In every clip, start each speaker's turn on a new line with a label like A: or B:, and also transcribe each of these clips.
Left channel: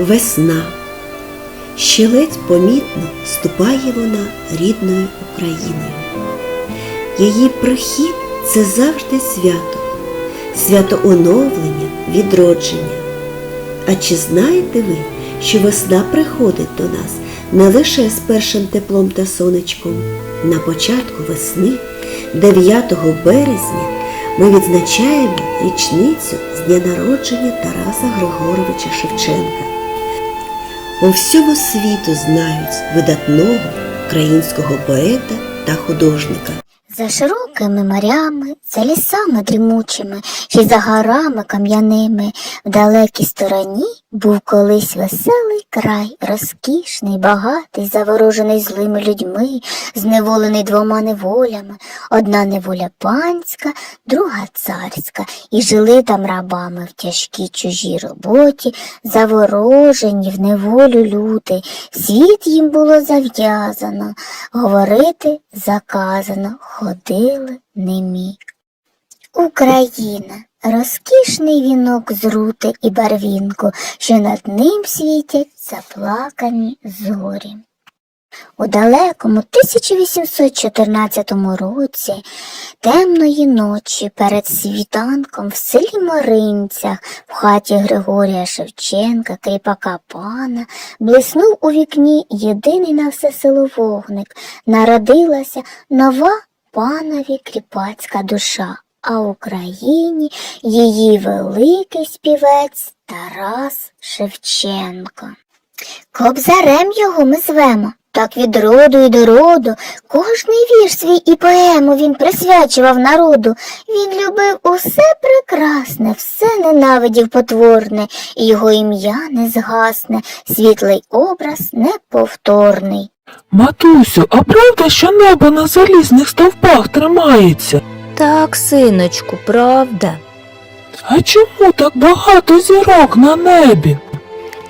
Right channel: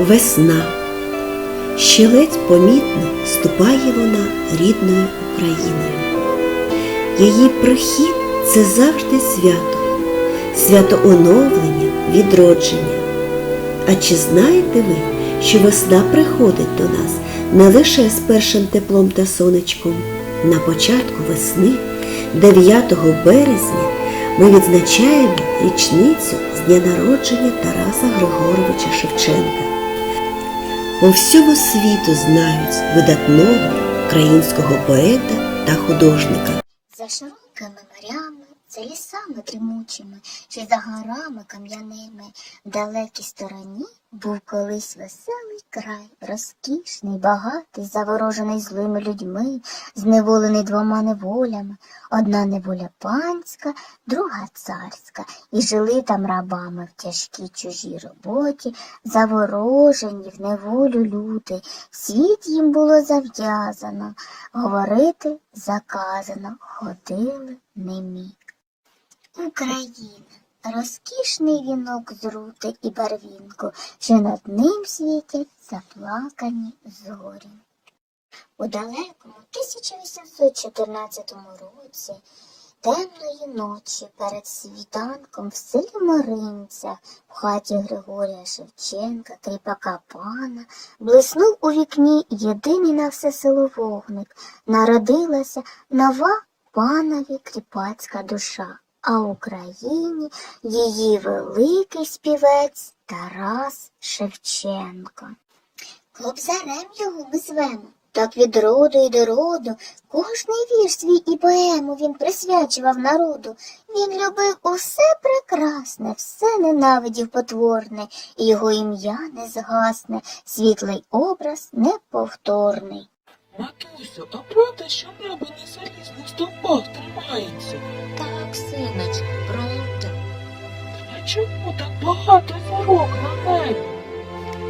A: Весна. Ще ледь помітно ступає вона рідною Україною. Її прихід це завжди свято, свято оновлення, відродження. А чи знаєте ви, що весна приходить до нас не лише з першим теплом та сонечком? На початку весни, 9 березня, ми відзначаємо річницю з дня народження Тараса Григоровича Шевченка. По всьому світу знають видатного українського поета та художника.
B: За широкими морями, за лісами дрімучими, Чи за горами кам'яними, в далекій стороні був колись веселий край, розкішний, багатий, заворожений злими людьми, зневолений двома неволями, одна неволя панська, друга царська, і жили там рабами в тяжкій чужій роботі, заворожені в неволю люди, світ їм було зав'язано, говорити заказано, ходили немі. Україна розкішний вінок з рути і барвінку, що над ним світять заплакані зорі. У далекому 1814 році темної ночі перед світанком в селі Моринцях в хаті Григорія Шевченка, кріпака пана, блиснув у вікні єдиний на все село вогник. Народилася нова панові кріпацька душа, а Україні її великий співець Тарас Шевченко. Кобзарем його ми звемо. Так від роду і до роду кожний вірш свій і поему він присвячував народу. Він любив усе прекрасне, все ненавидів потворне, і його ім'я не згасне, світлий образ неповторний.
C: Матусю, а правда, що небо на залізних стовпах тримається?
D: Так, синочку, правда.
C: А чому так багато зірок на небі?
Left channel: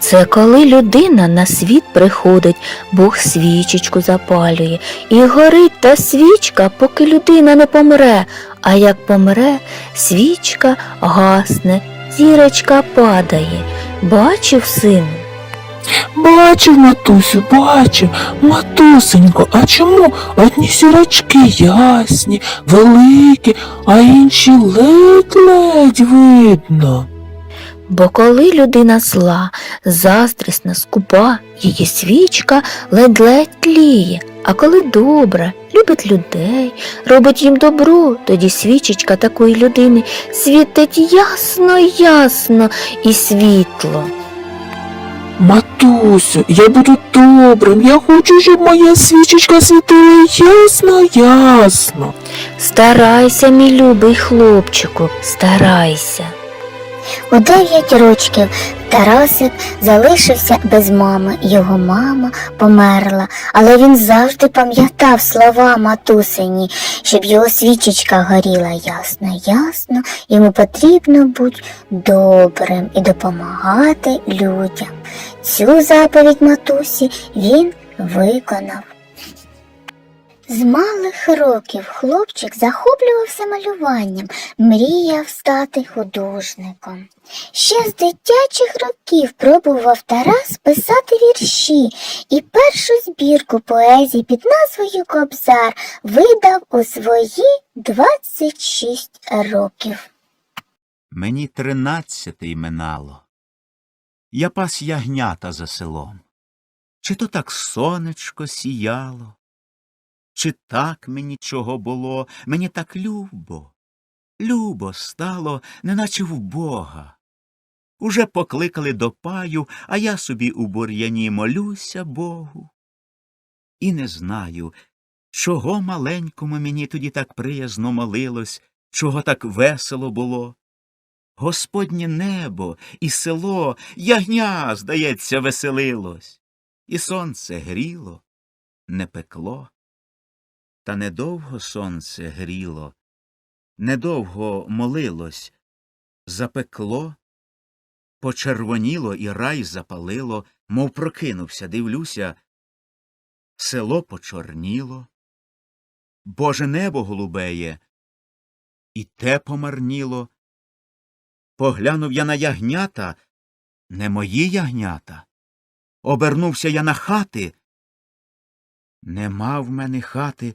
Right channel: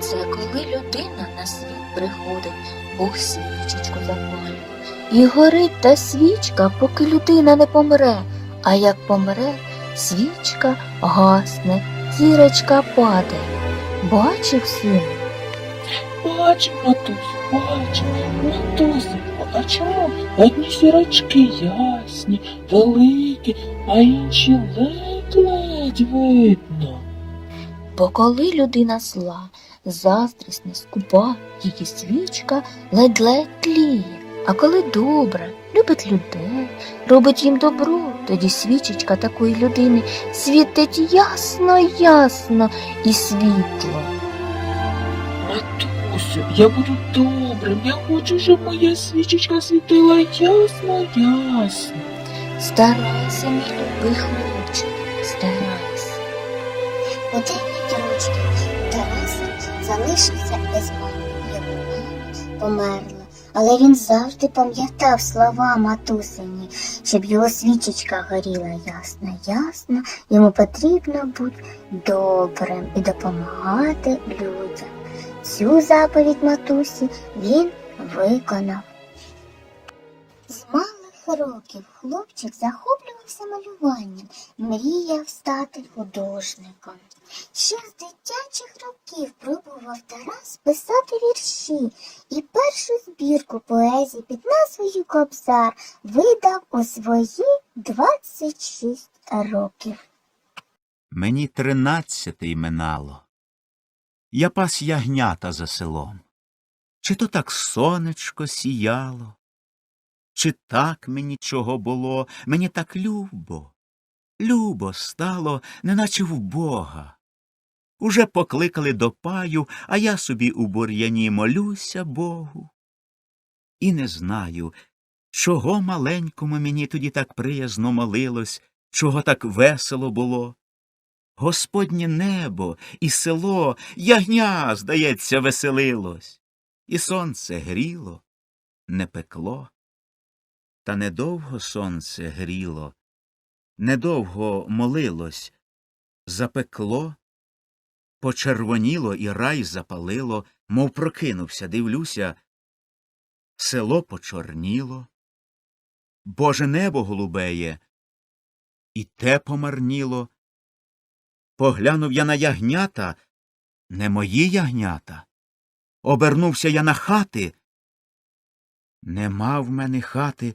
D: Це коли людина на світ приходить, Бог свічечку запалює, і горить та свічка, поки людина не помре, а як помре, свічка гасне, зірочка падає. Бачив сину?
C: Бачив, матусю, бачив. Матусенько, а чому одні сірочки ясні, великі, а інші ледь-ледь видно?
D: Бо коли людина зла, заздрісна, скупа, її свічка ледь-ледь тліє, а коли добра, любить людей, робить їм добро, тоді свічечка такої людини світить ясно, ясно і світло.
C: Матусю, я буду добрим, я хочу, щоб моя свічечка світила ясно, ясно.
D: Старайся, мій любий хлопчику, старайся.
B: У дев'ять рочків Тарасик залишився без мами. Його мама померла, але він завжди пам'ятав слова матусині, щоб його свічечка горіла ясно, ясно. Йому потрібно бути добрим і допомагати людям. Цю заповідь матусі він виконав. З малих років хлопчик захоплювався малюванням, мріяв стати художником. Ще з дитячих років пробував Тарас писати вірші і першу збірку поезії під назвою Кобзар видав у свої 26 років.
E: Мені тринадцятий минало. Я пас ягнята за селом. Чи то так сонечко сіяло, чи так мені чого було, мені так любо, любо стало, неначе в Бога. Уже покликали до паю, а я собі у бур'яні молюся Богу. І не знаю, чого маленькому мені тоді так приязно молилось, чого так весело було. Господнє небо і село, ягня, здається, веселилось, і сонце гріло, не пекло. Та недовго сонце гріло, недовго молилось, запекло, почервоніло і рай запалило, мов прокинувся, дивлюся, село почорніло, Боже небо голубеє, і те помарніло. Поглянув я на ягнята, не мої ягнята. Обернувся я на хати. Нема в мене хати,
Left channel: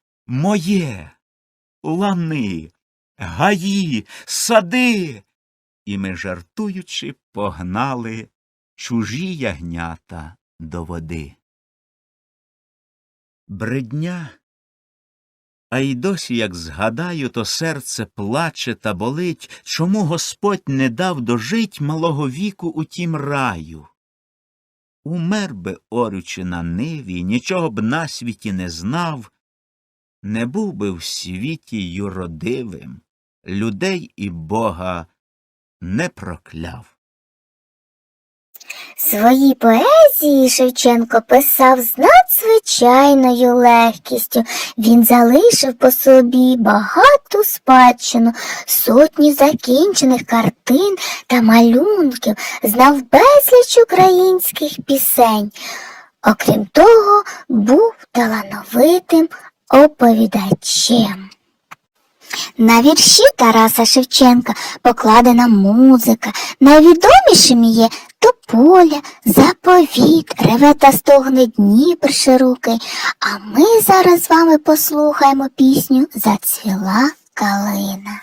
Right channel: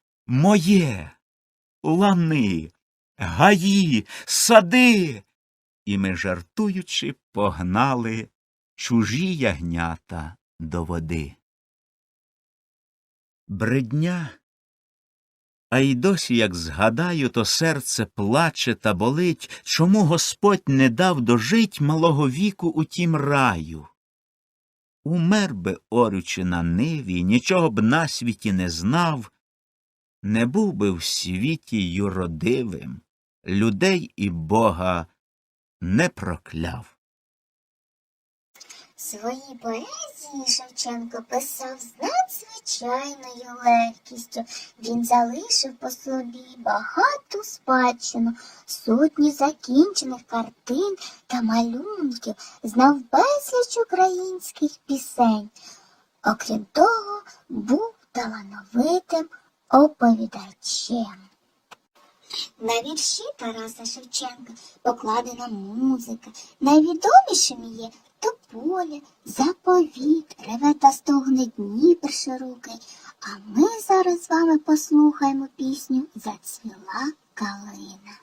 E: моє, лани, гаї, сади, і ми, жартуючи, погнали чужі ягнята до води. Бредня, а й досі, як згадаю, то серце плаче та болить, чому Господь не дав дожить малого віку у тім раю. Умер би, орючи на ниві, нічого б на світі не знав, не був би в світі юродивим, людей і Бога не прокляв.
B: Свої поезії Шевченко писав з надзвичайною легкістю. Він залишив по собі багату спадщину, сотні закінчених картин та малюнків, знав безліч українських пісень. Окрім того, був талановитим оповідачем. На вірші Тараса Шевченка покладена музика. Найвідомішими є Тополя, Заповіт, реве та стогне Дніпр широкий. А ми зараз з вами послухаємо пісню Зацвіла калина.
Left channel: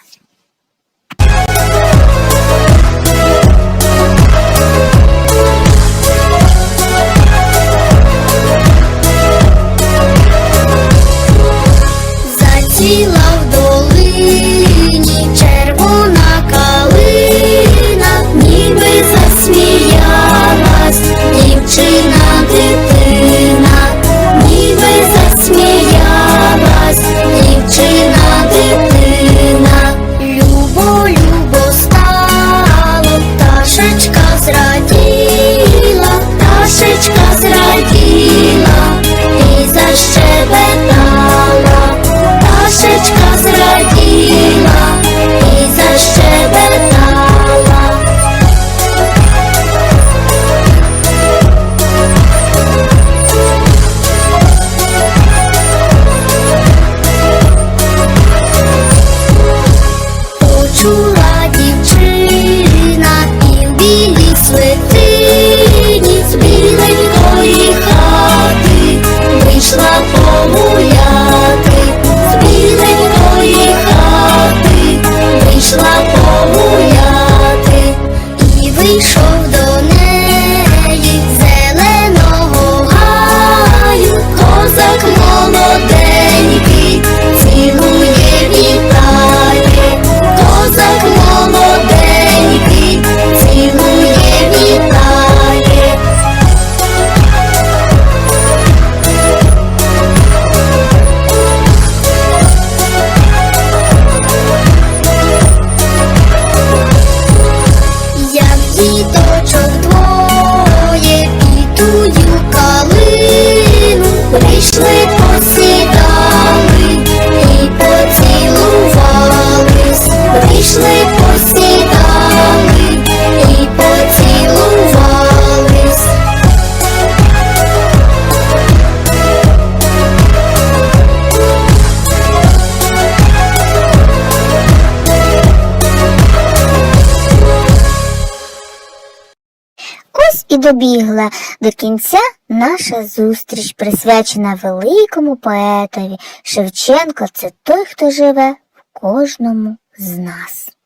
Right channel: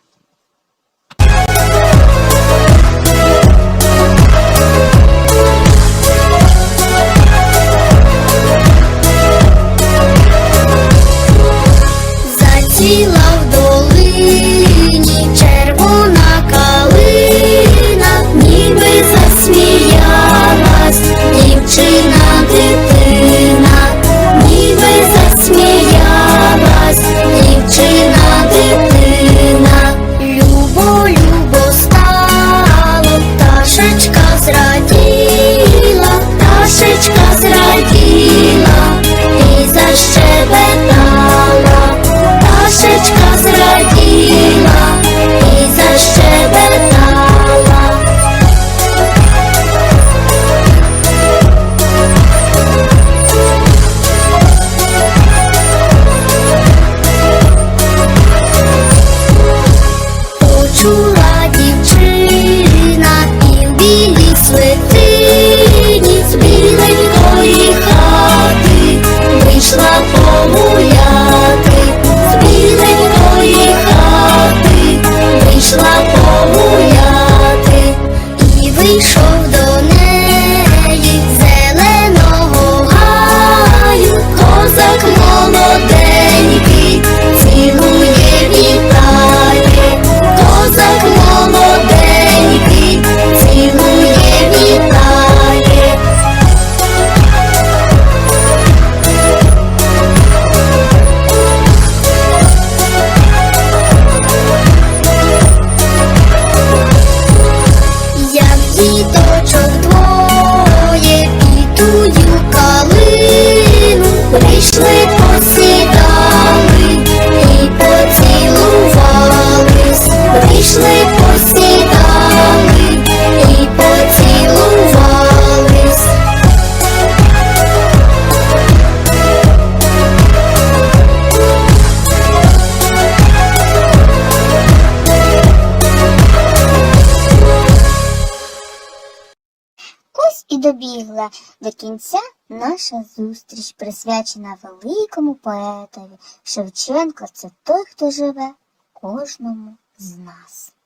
F: Почула дівчина і в білій свитині з біленької хати. Вийшла погуляти, з біленької хати. Вийшла погуляти, і вийшов до неї зеленого гаю, козак молоденький,
B: і добігла до кінця наша зустріч, присвячена великому поетові. Шевченко це той, хто живе в кожному з нас.